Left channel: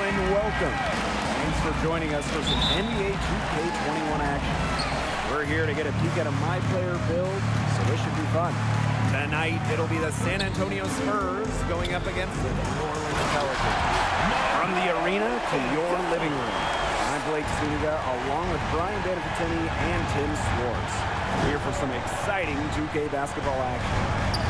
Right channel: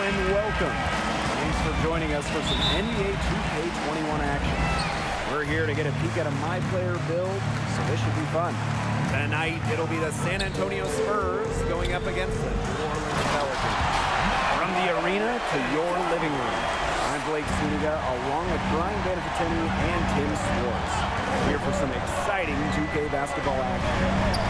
and welcome. Thanks for joining us for some NBA 2K21 action. We're here to get a peek at a My Player build, so this should be fun. Tonight, it'll be the San Antonio Spurs going up against the New Orleans Pelicans. From the arena to your living room, I'm Blake Suniga, along with Brian Banafitini and Tim Swartz. Here for some exciting 2K basketball action.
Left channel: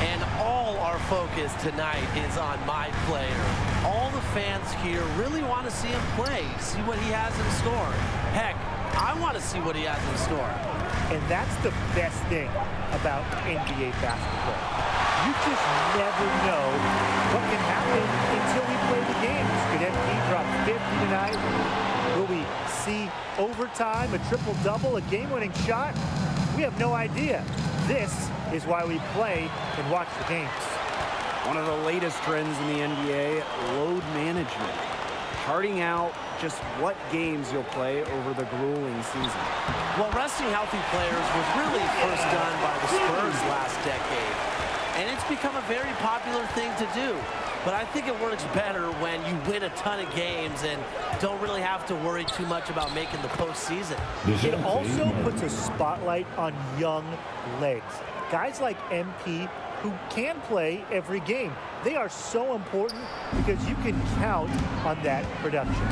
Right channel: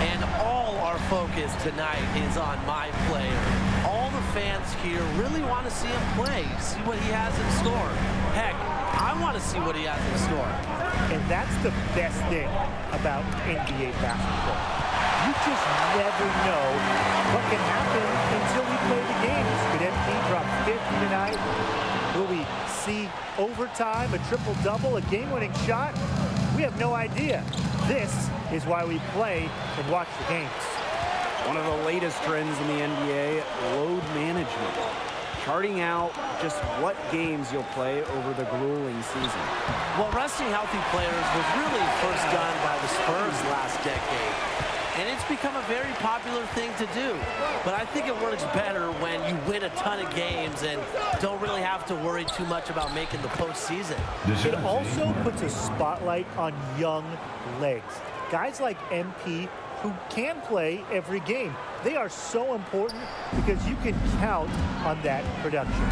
And all our focus tonight is on My Player. All the fans here really want to see him play, see what he has in store. Heck, I want to see what he has in store. And that's the best thing about NBA basketball. You just never know what can happen until we play the games. Could MP drop 50 tonight? Will we see overtime, a triple-double, a game-winning shot? We have no idea. This is why we play and watch the games. One of the latest trends in the NBA, load management. Charting out just what games you'll play over the grueling season. Well, resting healthy players was really first done by the Spurs last decade. And it's become a very popular thing to do. But I think it works better when you win a ton of games and don't really have to worry too much about making the postseason. It also puts a spotlight on young legs. Guys like MP who can play every game. They are so important because you can count on that production.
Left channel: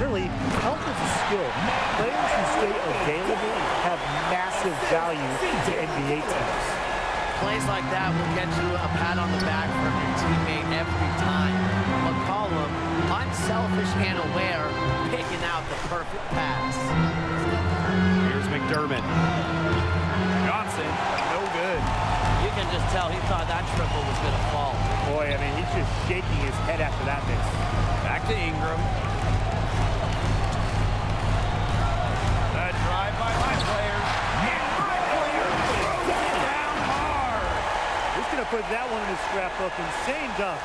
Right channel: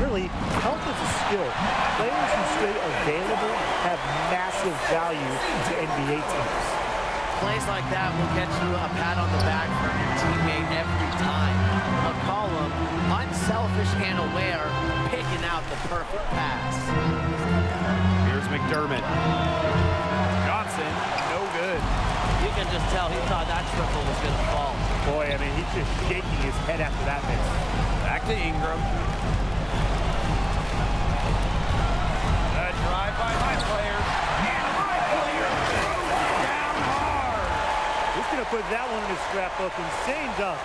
Really, health is a skill. Players who stay available have massive value to NBA teams. Plays like that will get you a pat on the back from your teammate every time. McCollum, unselfish and aware, picking out the perfect pass. Here's McDermott. Johnson, no good. You can just tell he thought that triple was going to fall. Boy, I mean, he's just shaking his head after that miss. Back to Ingram. The drive by My Player. And My Player throws it down hard. Who's going to put that one in his scrapbook? Insane dunk.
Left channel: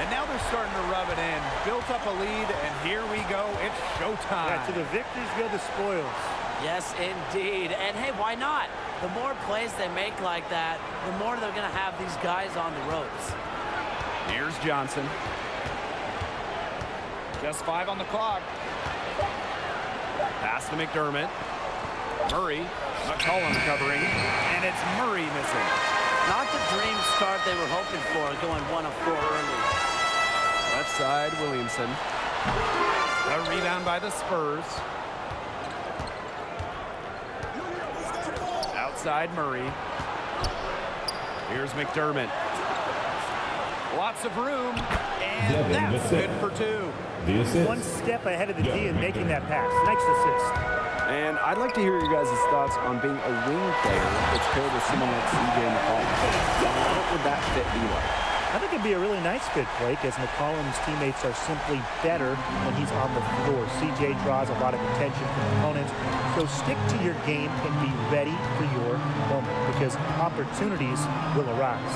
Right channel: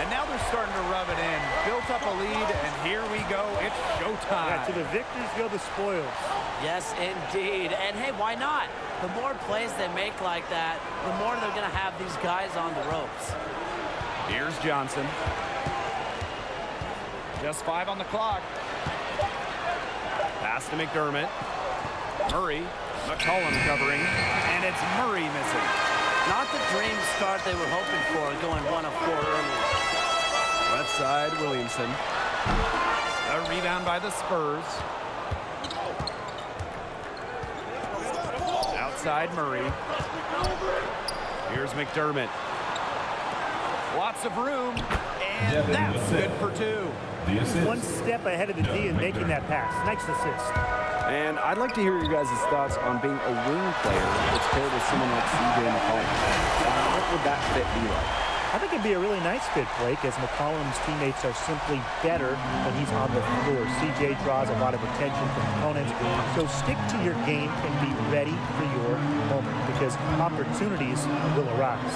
And now they're starting to rub it in. Built up a lead, and here we go. It's showtime. Yeah, to the victors go the spoils. Yes, indeed. And hey, why not? The more plays they make like that, the more they're going to have these guys on the ropes. Here's Johnson. Just 5 on the clock. Pass to McDermott. Murray. McCollum covering. And it's Murray missing. Not the dream start they were hoping for, going 1 of 4 early. Left side, Williamson. A rebound by the Spurs. Outside, Murray. Here's McDermott. Lots of room, and that's good for 2. One step ahead of the D in making that pass. Nice assist. And I'd like to hear your guys' thoughts on being a wing player that's paired with someone like C.J. McCollum. What would that fit be like? I think it'd be a really nice fit, Blake, as McCollum's teammates are simply better when he's on the floor. CJ draws a lot of attention from opponents, so stick to your game and be ready for your moment because opportunities will arise.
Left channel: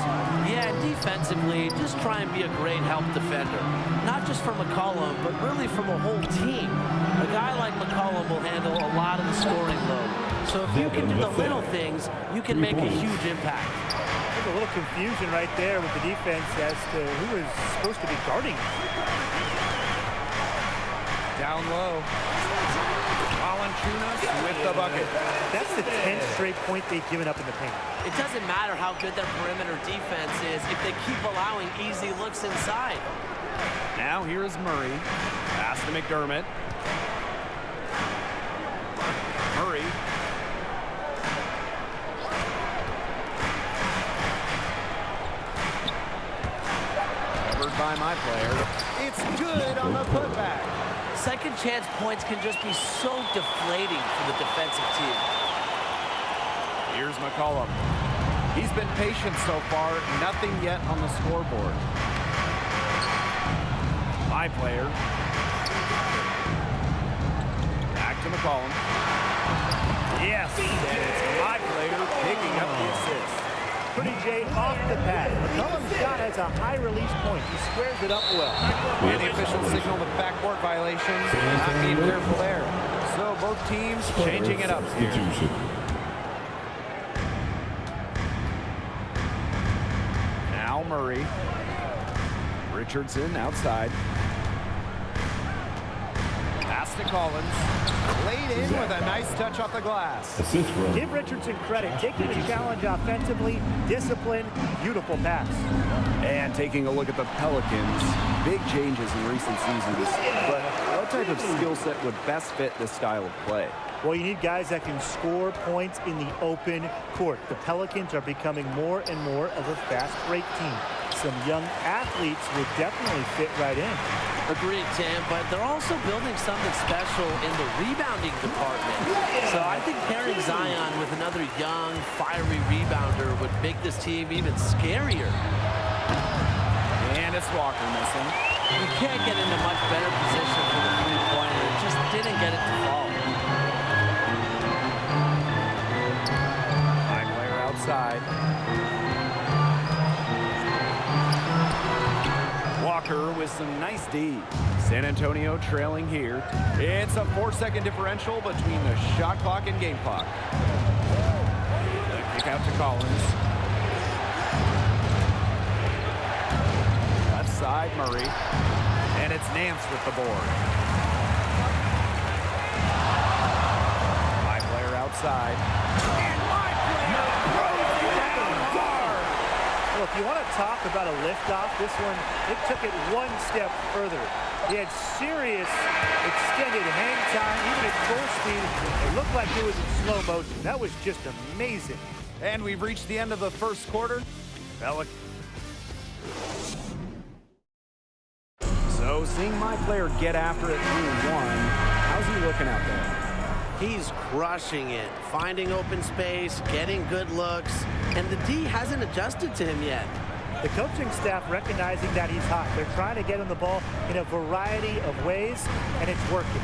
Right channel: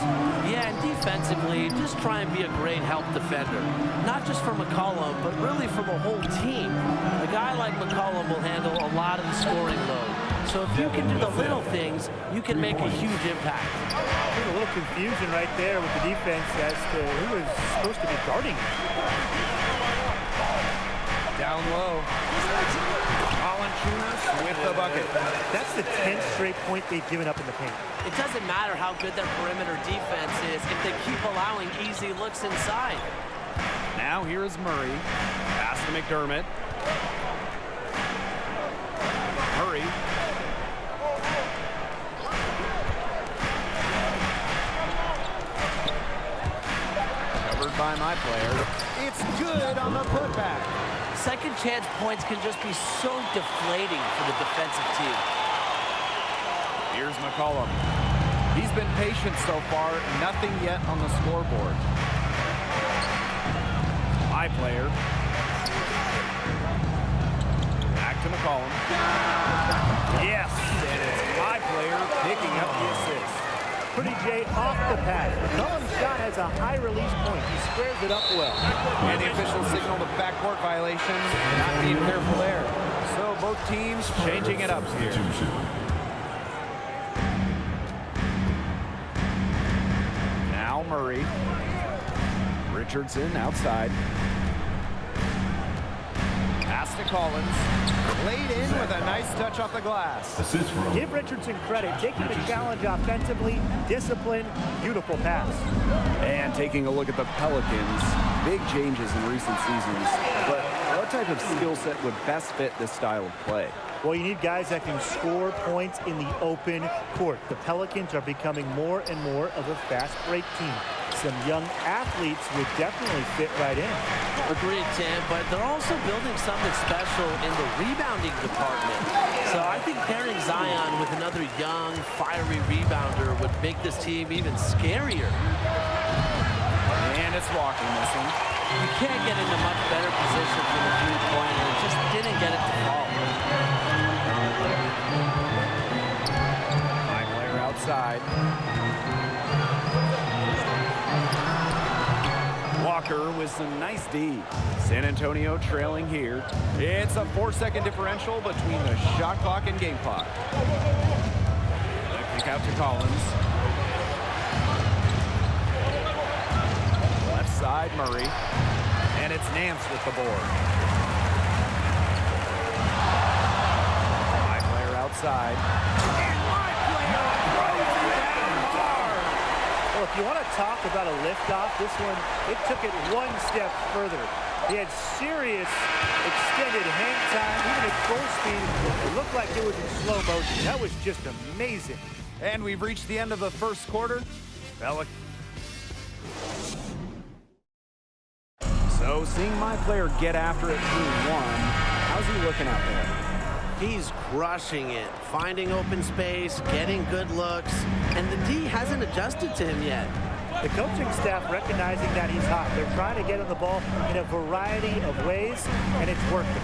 Yeah, and defensively, just try and be a great help defender. Not just for McCollum, but really from a whole team. A guy like McCollum will handle a lot of the scoring load. So if you can do the little things, you can make a huge impact. There's a little confusion right there with the defense as to who is supposed to be guarding. Down low. Valanciunas with the bucket. That's the 10th straight point they've given up in the paint. It doesn't matter how good their perimeter defense is if they keep allowing easy looks inside. Now here is Murray. Pass to McDermott. Murray. Covered by My Player. It's good on the putback. Second chance points can just be so deflating for the defensive team. Here's McCollum. He's been patient so far. Nothing yet on the scoreboard. My Player. Back to McCollum. Yes, and it's My Player picking up the assist. Pretty Jay off the pass. McCollum's shot has a high release point. He squares it up well. And the official signaled a backcourt violation. Not being careful there. So both teams changing it up here. Now Murray. Richardson outside. Pass to Collins. Laid in with a nice touch off the glass. Assist from Give Richardson credit. Taking the challenge offensively, discipline, beautiful pass. And taking a look at the Pelicans, big changes in recent seasons. But what type of skill set would best fit this style of play? Well, you need guys that can score points in the open court. The Pelicans are becoming more and more of a fast break team. Some young athletes would definitely fit right in. Agreed, Tim, but they're also building something special in the rebounding department. So I think pairing Zion with another young, fiery rebounder would make this team even scarier. And it's Walker missing. You can't get into much better position for the three-pointer. It just didn't get it to fall. High player outside. Walker with some nice D. San Antonio trailing here. It's a 4-second differential between the shot clock and game clock. The kick out to Collins. Left side, Murray. And it's Nance with the board. My player outside. And my player throws it down hard. Well, if you want to talk about a liftoff, this one, it took it one step further. He had serious extended hang time, even at full speed. It looked like it was in slow motion. That was just amazing. And we've reached the end of the first quarter. So seeing my player get after it through one, how's he looking out there? He's crushing it, finding open space, getting good looks, and the D hasn't adjusted to him yet. The coaching staff recognizing that he's hot. They're trying to get him the ball in a variety of ways, and it's working.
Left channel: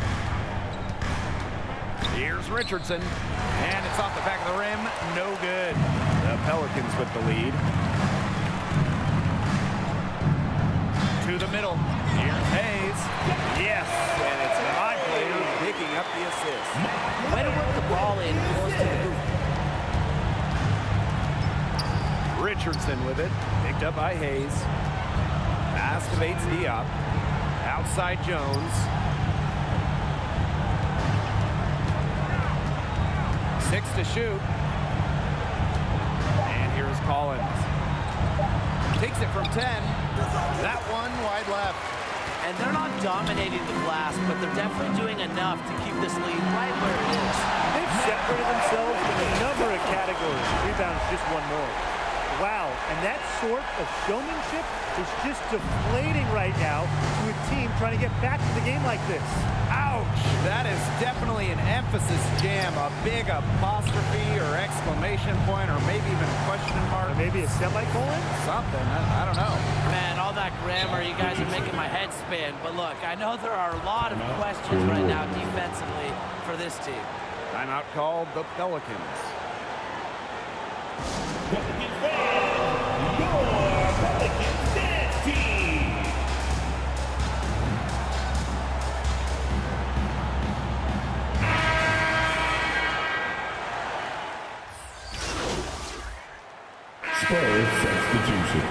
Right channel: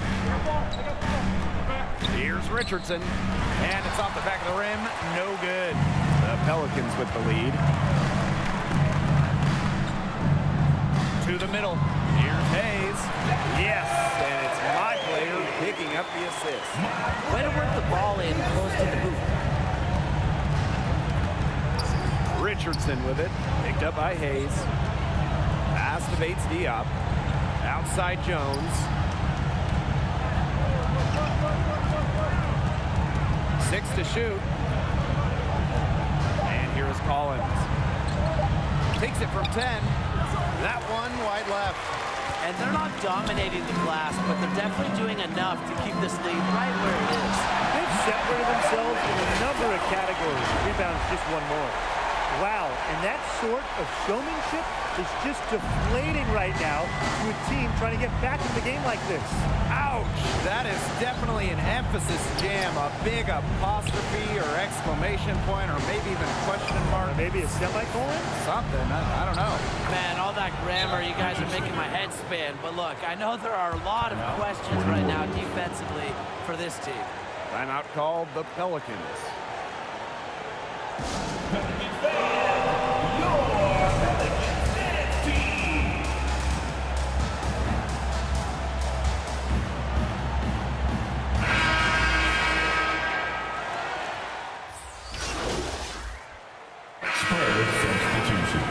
Here's Richardson, and it's off the back of the rim. No good. The Pelicans with the lead. To the middle. Here's Hayes. Yes, and it's my player picking up the assist. Way to work the ball in close to the hoop. Richardson with it. Picked up by Hayes. Pass to Bates Diop. Outside Jones. 6 to shoot. And here is Collins. Takes it from 10. That one wide left. And they're not dominating the glass, but they're definitely doing enough to keep this lead right where it is. They've separated themselves in a number of categories. Rebounds just one more. Wow, and that sort of showmanship is just deflating right now to a team trying to get back to the game like this. Ouch! That is definitely an emphasis jam. A big apostrophe or exclamation point, or maybe even a question mark. Or maybe a semicolon? Something. I don't know. Man, all that grammar, you guys are making my head spin. But look, I know there are a lot of questions right now defensively for this team. Timeout called the Pelicans. Pelicans fans, your Pelicans dance team. Spurs substitution.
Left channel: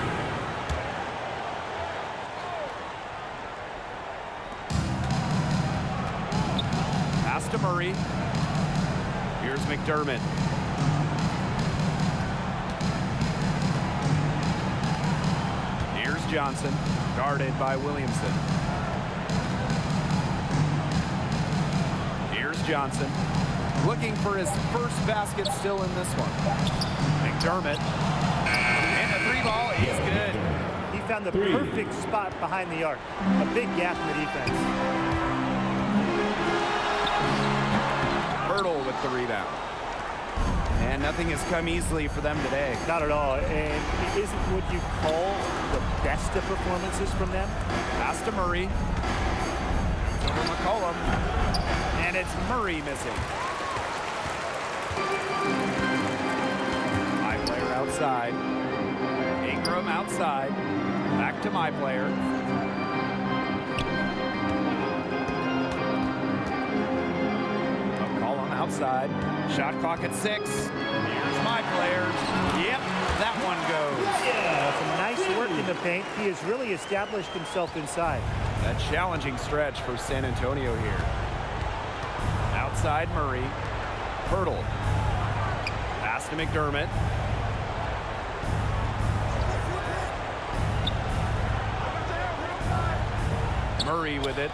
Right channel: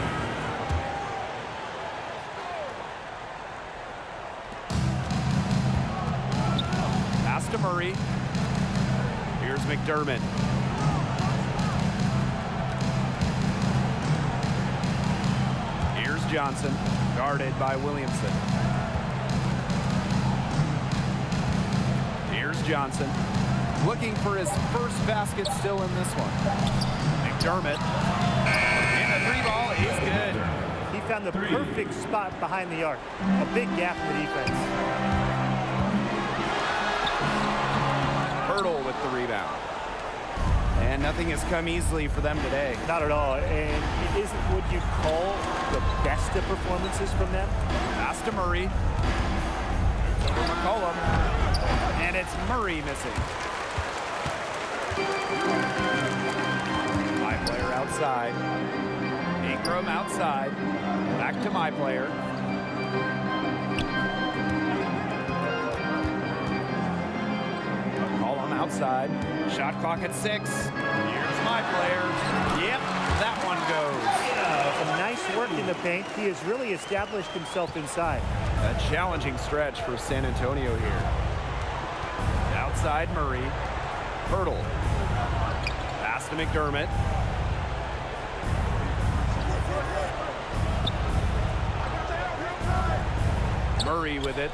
Pass to Murray. Here's McDermott. Here's Johnson, guarded by Williamson. Here's Johnson, looking for his first basket still in this one. McDermott, and the three ball is good. He found the perfect spot behind the arc. A big gap in the defense. Hurdle with the rebound. And nothing has come easily for them today. Not at all, and it isn't what you call the best of performances from them. Pass to Murray. Shoots over McCollum. And it's Murray missing. My player outside. Ingram outside. Back to my player. McCollum outside. Shot clock at 6. Here's my player. Yep, that one goes. Some nice work in the paint. He has really established himself inside. A challenging stretch for San Antonio here. Outside Murray. Hurdle. Pass to McDermott. Murray with it.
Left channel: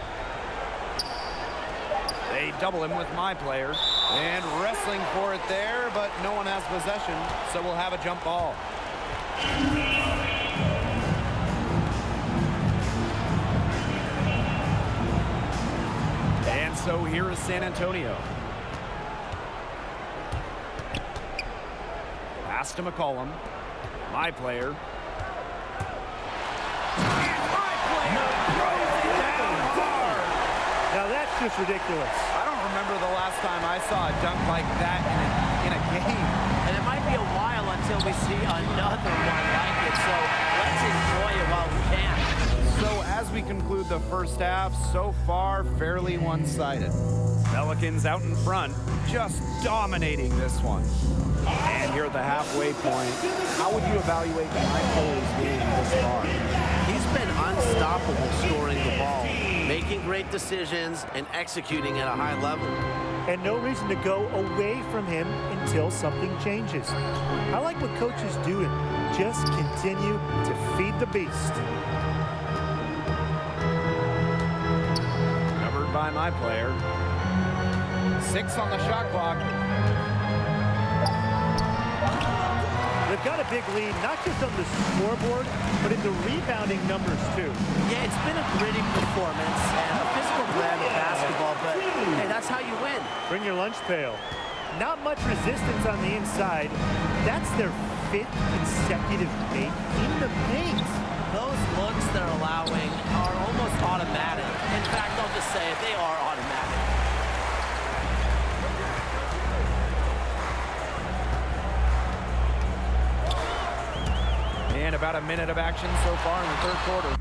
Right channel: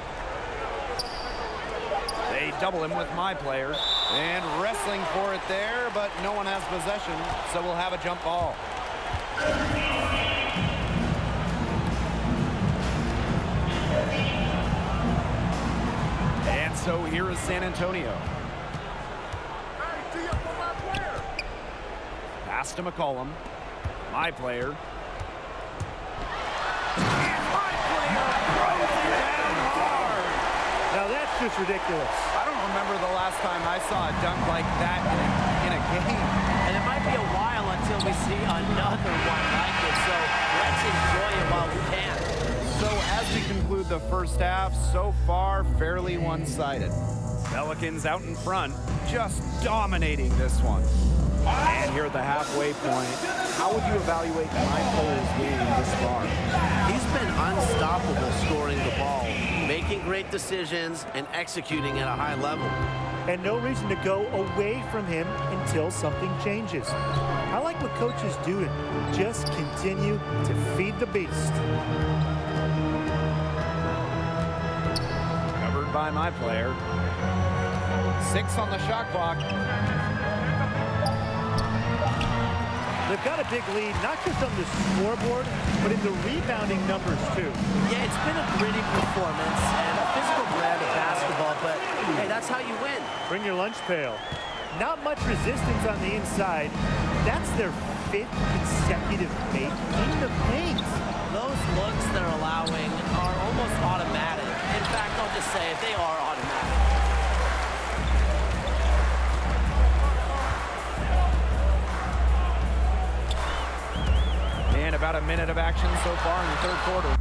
They double him with my player. And wrestling for it there, but no one has possession, so we'll have a jump ball. And so here is San Antonio. Pass to McCollum. My player. And my player throws it down hard. Now that's just ridiculous. I don't remember the last time I saw a dunk like that in a game. And it might be a while until we see another one like it, so let's enjoy it while we can. So as we conclude the first half, so far fairly one-sided. Pelicans out in front, just dominating this one. And here at the halfway point, how would you evaluate my player's game this far? He's been unstoppable scoring the ball, making great decisions, and executing at a high level. And no reason to go away from him until something changes. I like what coaches do to just continue to feed the beast. Covered by my player. 6 on the shot clock. They've got a big lead, not just on the scoreboard, but in the rebounding numbers, too. Yeah, it's been a gritty performance and a physical brand of basketball, but hey, that's how you win. Bring your lunch pail. Not much resistance on the inside. That's their 5th consecutive make in the paint. Those looks they're allowing are almost automatic. In fact, I'll just say it, they are automatic. And about a minute of action so far in the third quarter.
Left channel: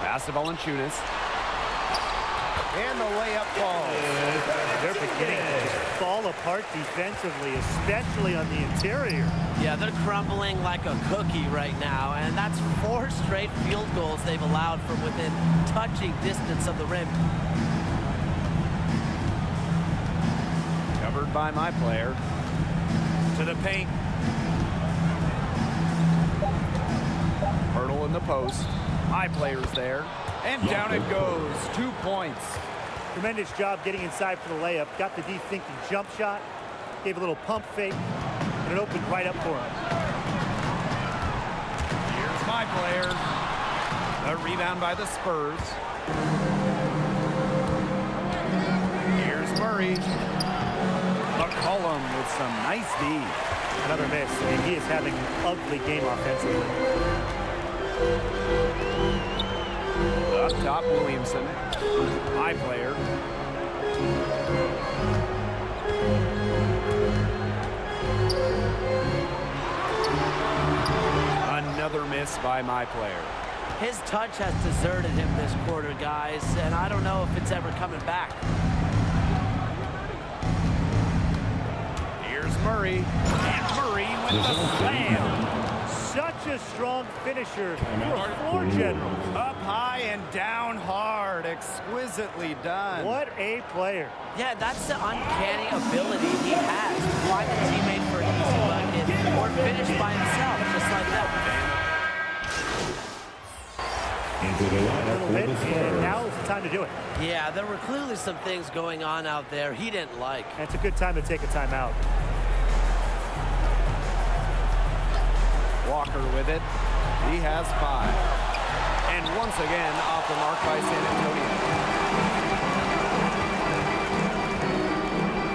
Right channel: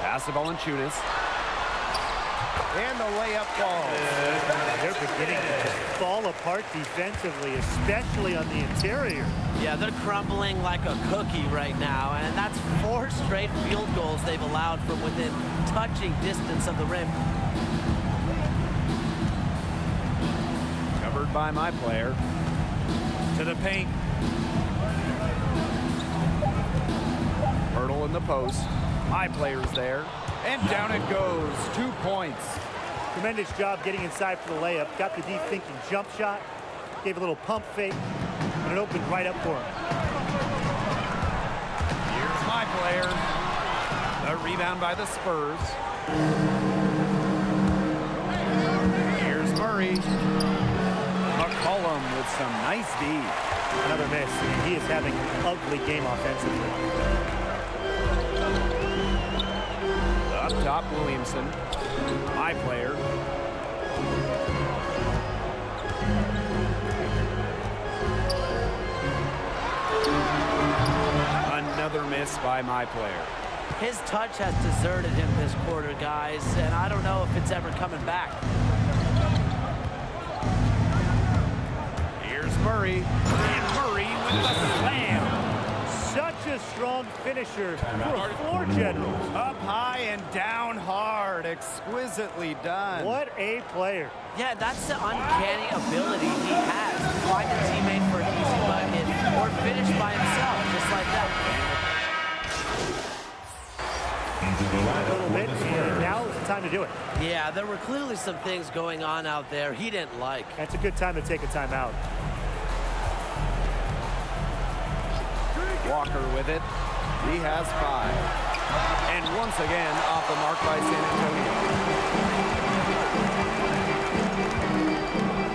Pass to Valanciunas. And the layup falls. They're beginning to just fall apart defensively, especially on the interior. Yeah, they're crumbling like a cookie right now, and that's 4 straight field goals they've allowed from within touching distance of the rim. Covered by my player. To the paint. Hurdle in the post. My player's there. And down it goes. 2 points. Tremendous job getting inside for the layup. Got the deep thinking jump shot. Gave a little pump fake. and it opened right up for him. Here's my player. The rebound by the Spurs. Here's Murray. McCollum with some nice D. Another miss, and he is having an ugly game offensively. Up top, Williamson. My player. Another miss by my player. His touch has deserted him this quarter, guys, and I don't know if it's ever coming back. Here's Murray. And Murray with the slam. Such a strong finisher for a floor general. Up high and down hard. Exquisitely done. What a player. Yeah, that's the uncanny ability he has. Find a teammate for an easy bucket or finish by himself, just like that. Into the A lineup little for bit, the and Spurs. now is the time to do it. Yeah, there were clearly some things going on out there he didn't like. And it's a good time to take a timeout. Walker with it. He has 5. And once again, off the mark by San Antonio.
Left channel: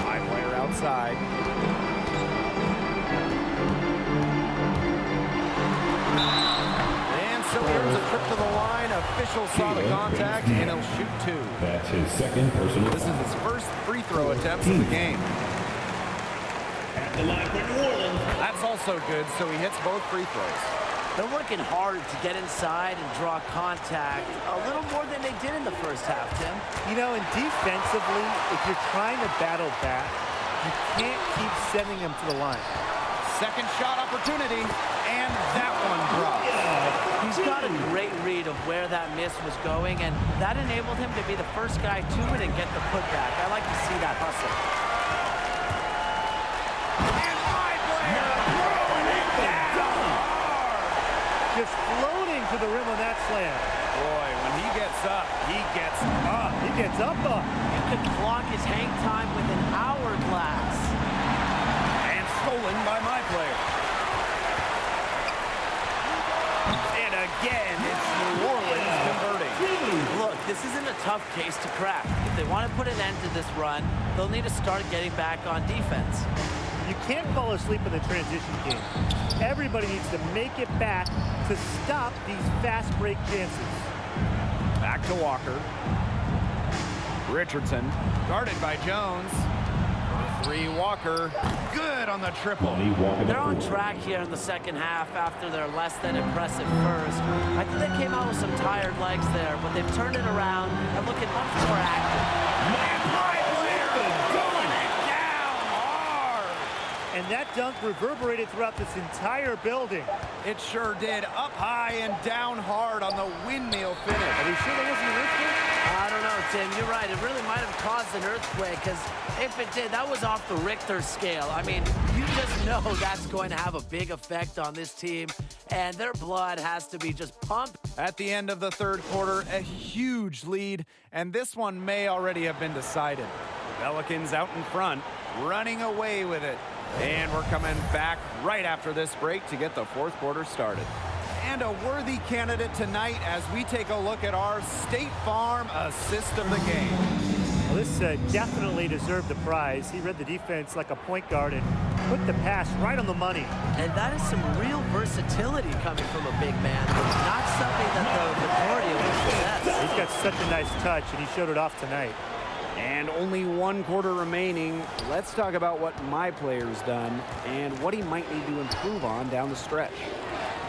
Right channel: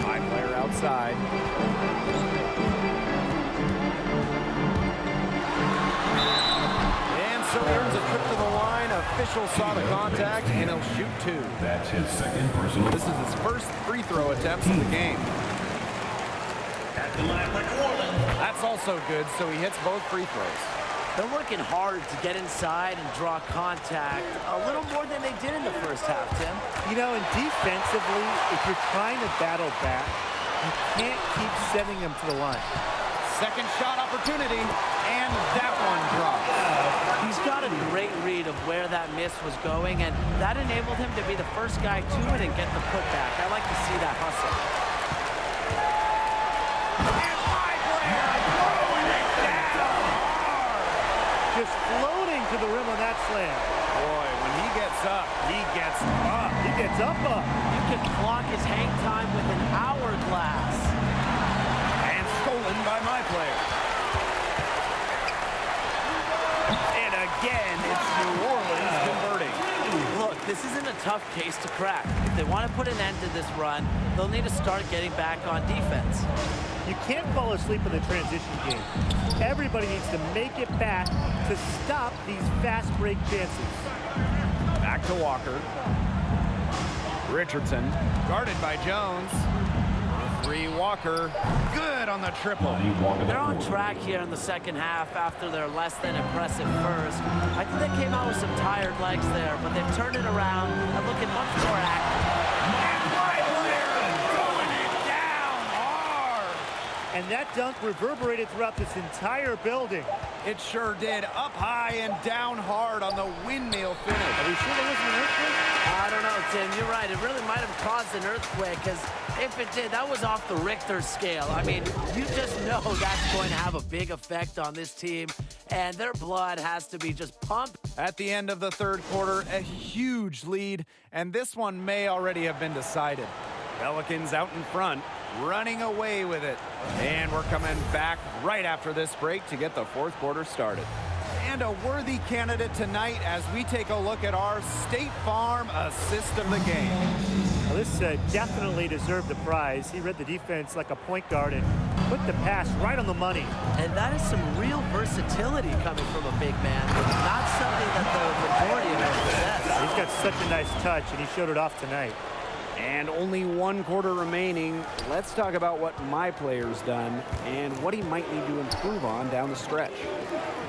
My player outside. And so he earns a trip to the line. Officials saw the contact, and he'll shoot 2. That's his second personal This is foul. his first free throw attempts of the game. At the line for New Orleans. That's also good, so he hits both free throws. They're working hard to get inside and draw contact a little more than they did in the first half, Tim. You know, and defensively, if you're trying to battle back, you can't keep sending them to the line. Second shot opportunity, and that one drops. He's got a great read of where that miss was going, and that enabled him to be the first guy to it and get the putback. I like to see that hustle. And my player throwing it down hard. Just floating to the rim on that slam. Boy, when he gets up, he gets up. He gets up. You can clock his hang time with an hourglass. And stolen by my player. And again, it's New Orleans converting. Look, this isn't a tough case to crack. If they want to put an end to this run, they'll need to start getting back on defense. You can't fall asleep in the transition game. Everybody needs to make it back to stop these fast break chances. Back to Walker. Richardson, guarded by Jones. For 3, Walker. Good on the triple. Lonnie Walker, the They're on fourth. track here in the second half after their less than impressive first. I think they came out with some tired legs there, but they've turned it around and looking much more active. And my player going it down hard. And that dunk reverberated throughout this entire building. It sure did. Up high and down hard on the windmill finish. Are we sure there wasn't an earthquake? I don't know, Tim. You're right. It really might have caused an earthquake, because if it did, that was off the Richter scale. I mean, you just know that's going to have a big effect on this team, and their blood has to be just pumped. At the end of the third quarter, a huge lead, and this one may already have been decided. Pelicans out in front, running away with it. And we're coming back right after this break to get the fourth quarter started. And a worthy candidate tonight as we take a look at our State Farm assist of the game. Well, this definitely deserved the prize. He read the defense like a point guard and put the pass right on the money. And that is some real versatility coming from a big man. Not something that the majority of us possess. He's got such a nice touch, and he showed it off tonight. And only 1 quarter remaining. Let's talk about what my player's done and what he might need to improve on down the stretch.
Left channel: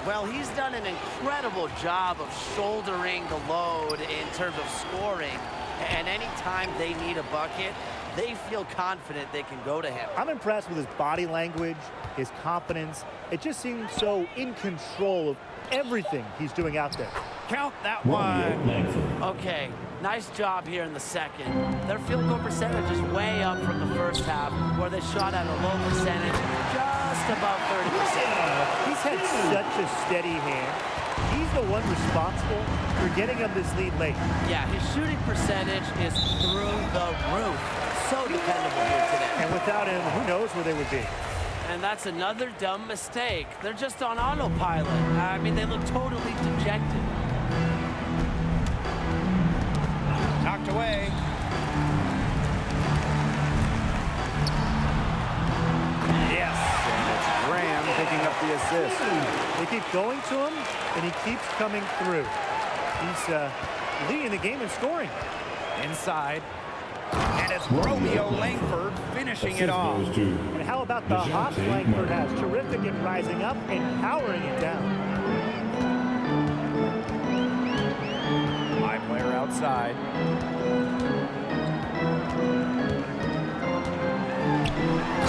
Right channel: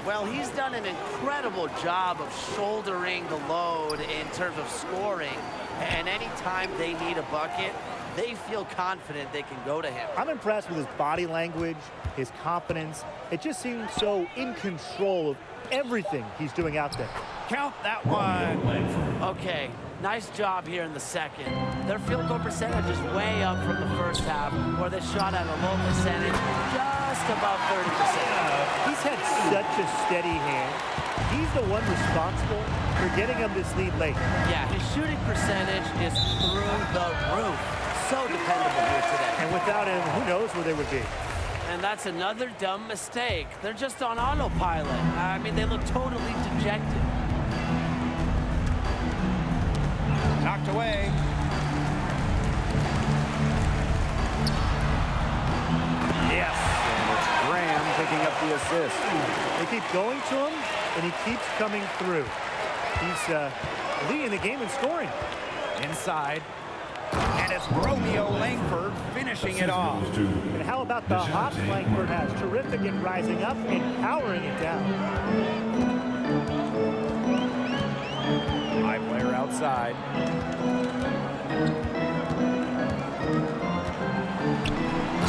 Well, he's done an incredible job of shouldering the load in terms of scoring. And anytime they need a bucket, they feel confident they can go to him. I'm impressed with his body language, his confidence. It just seems so in control of everything he's doing out there. Count that Romeo one. Langford. Okay, nice job here in the second. Their field goal percentage is way up from the first half, where they shot at a low percentage, just above 30%. He's had such a steady hand. He's the one responsible for getting him this lead late. Yeah, his shooting percentage is through the roof. So dependable here today. And without him, who knows where they would be. And that's another dumb mistake. They're just on autopilot. I mean, they look totally dejected. Knocked away. Yes, and it's Graham picking up the assist. They keep going to him, and he keeps coming through. He's leading the game in scoring. Inside. And it's Romeo Langford finishing it off. Goes to And how about the hops Langford has? Terrific at rising up and powering it down. My player outside.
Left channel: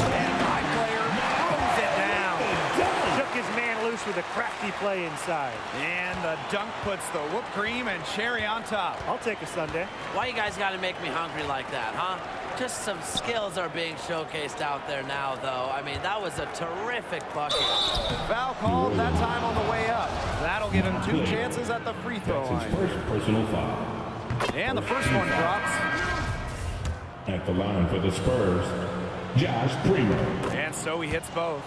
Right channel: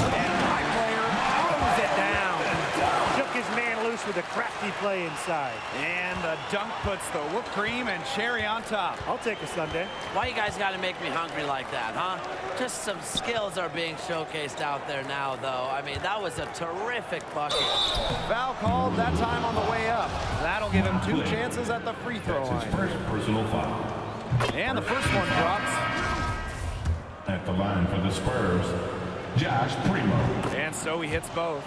And my player throws it down. Shook his man loose with a crafty play inside. And the dunk puts the whipped cream and cherry on top. I'll take a Sunday. Why you guys got to make me hungry like that, huh? Just some skills are being showcased out there now, though. I mean, that was a terrific bucket. Foul called that time on the way up. That'll give him 2 chances at the free throw That's his line. first personal foul. And the first one drops. At the line for the Spurs, Josh Primo. And so he hits both.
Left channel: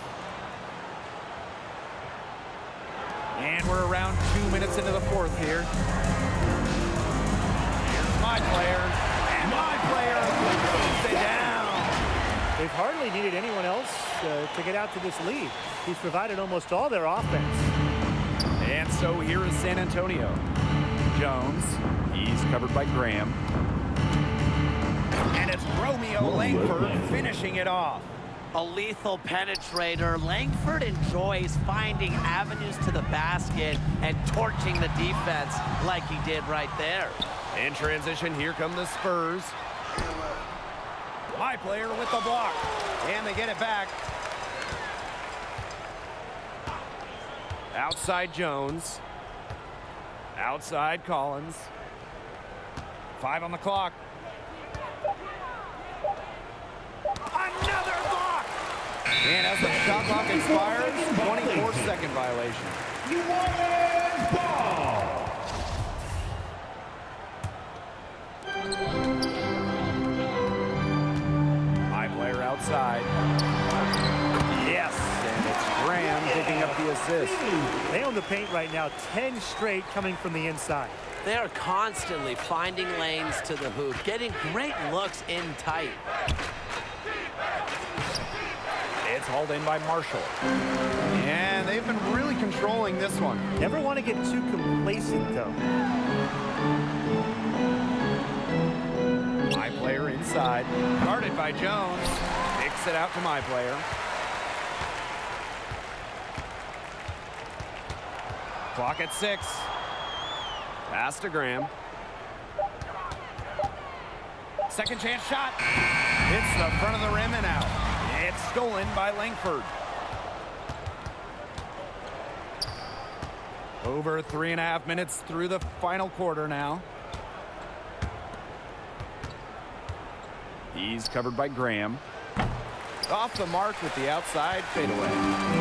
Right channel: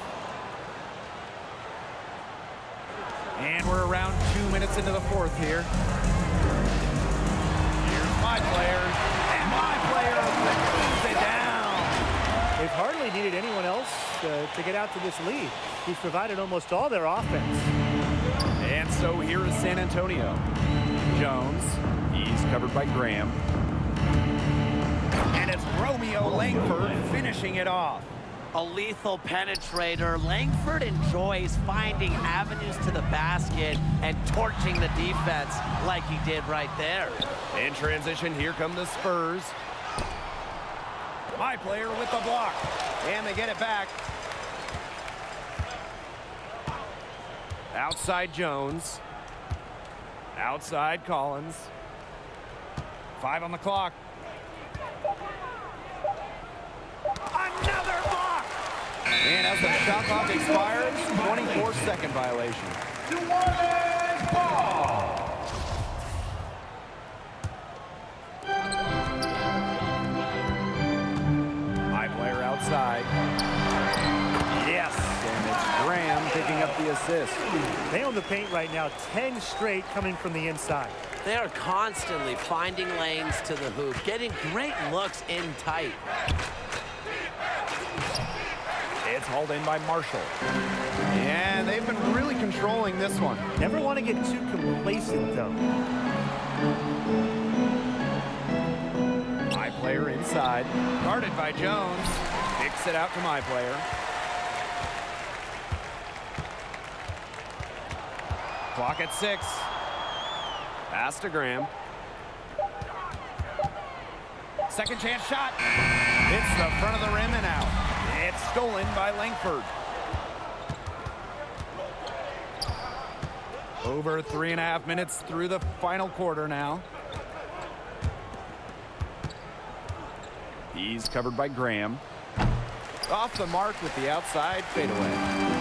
And we're around 2 minutes into the fourth here. Here's my player. And my player throws it down. They've hardly needed anyone else to get out to this lead. He's provided almost all their offense. And so here is San Antonio. Jones. He's covered by Graham. And it's Romeo Langford finishing it off. A lethal penetrator. Langford enjoys finding avenues to the basket and torching the defense like he did right there. In transition, here come the Spurs. My player with the block. And they get it back. Outside Jones. Outside Collins. 5 on the clock. Another block! And as the shot clock expires, 24-second violation. New Orleans ball. My player outside. Yes, and it's Graham picking up the assist. They own the paint right now, 10 straight coming from the inside. They are constantly finding lanes to the hoop, getting great looks in tight. It's hauled in by Marshall. And they've been really controlling this one. Never want to get too complacent, though. My player inside. Guarded by Jones. Kicks it out to my player. Clock at 6. Pass to Graham. Second chance shot. Hits the front of the rim and out. It's stolen by Langford. Over 3.5 minutes through the final quarter now. He's covered by Graham. Off the mark with the outside fadeaway.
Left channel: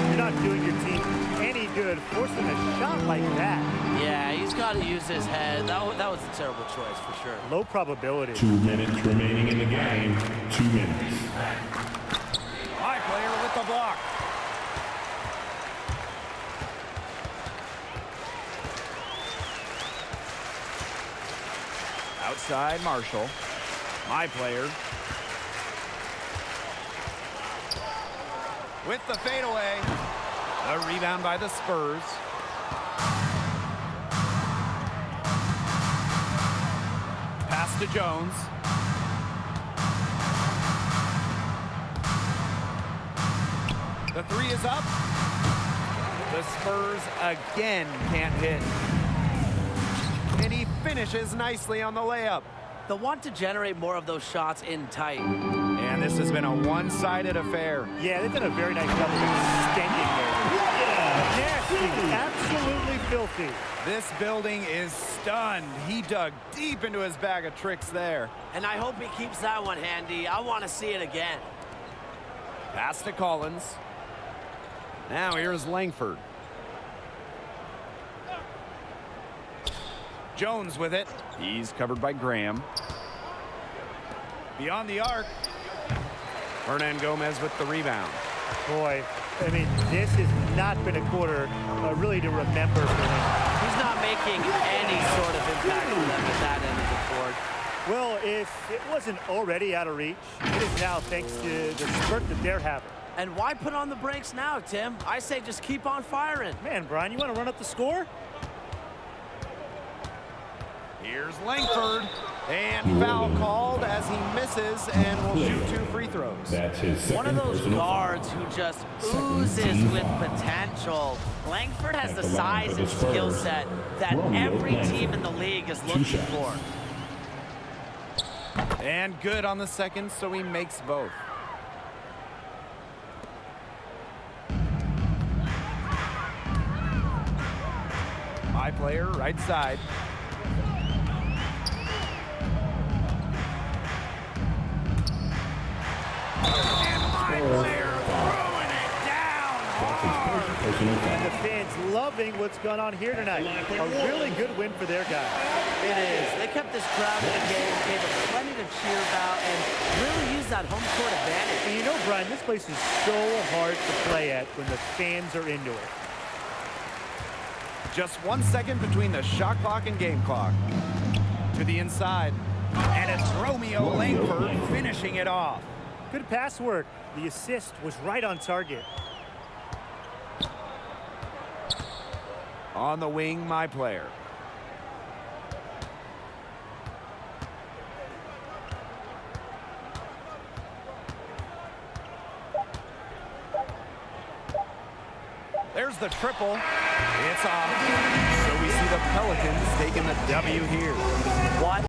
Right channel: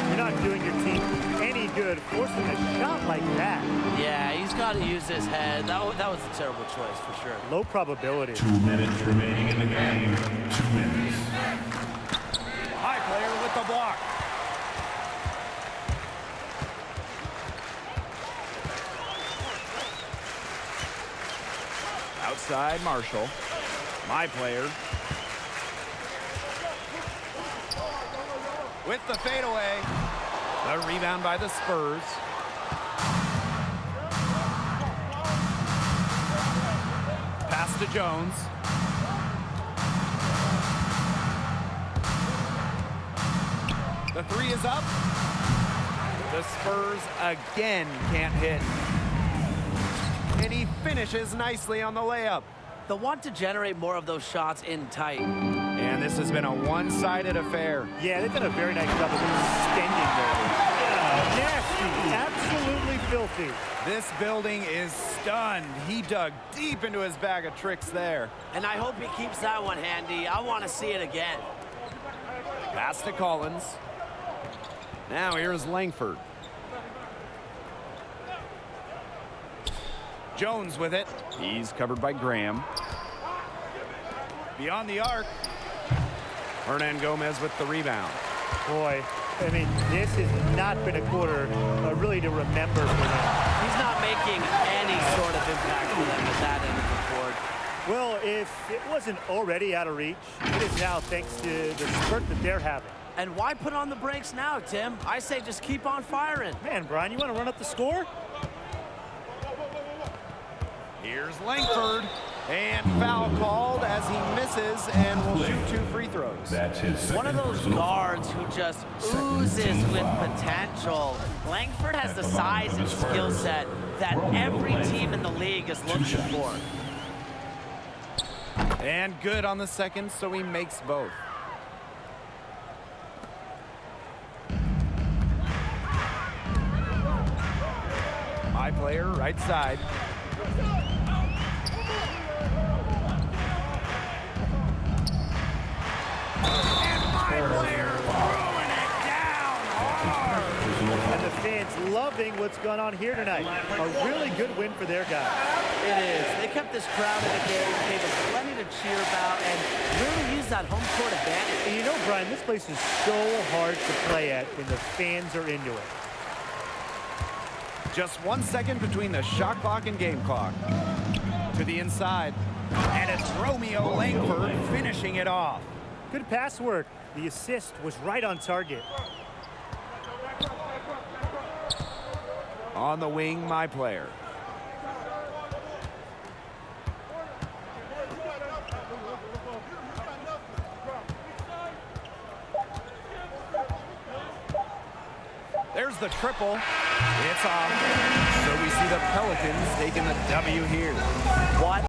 You're not doing your team any good forcing a shot like that. Yeah, he's got to use his head. That was a terrible choice for sure. Low probability. 2 minutes remaining in the game. 2 minutes. My player with the block. Outside Marshall. My player. With the fadeaway. The rebound by the Spurs. Pass to Jones. The 3 is up. The Spurs again can't hit. And he finishes nicely on the layup. They'll want to generate more of those shots in tight. And this has been a one-sided affair. Yeah, they've done a very nice job of extending their lead. Nasty, absolutely filthy. This building is stunned. He dug deep into his bag of tricks there. And I hope he keeps that one handy. I want to see it again. Pass to Collins. Now here's Langford. Jones with it. He's covered by Graham. Beyond the arc. Hernan Gomez with the rebound. Boy, I mean, this has not been a quarter really to remember for him. He's not making any sort of impact for them at that end of the court. Well, if it wasn't already out of reach, it is now thanks to the spurt that they're having. And why put on the brakes now, Tim? I say just keep on firing. Man, Brian, you want to run up the score? Here's Langford. And foul called as he misses and will shoot 2 free throws. That's his second One of those personal guards foul. who just Second oozes team with foul. potential. Langford has At the the line size for the and skill Spurs, set that Romeo every Langford. team in the league is 2 looking shots. for. And good on the second, so he makes both. My player, right side. And my player throwing it down hard. Personal foul. And the fans loving what's gone on here tonight. A really good win for their guys. It is. They kept this crowd in the game, gave them plenty to cheer about, and really used that home court advantage. And you know, Brian, this place is so hard to play at when the fans are into it. Just 1 second between the shot clock and game clock. To the inside. And it's Romeo Langford finishing it off. Good pass work. The assist was right on target. On the wing, my player. There's the triple. It's off. So we see the Pelicans taking the W here. What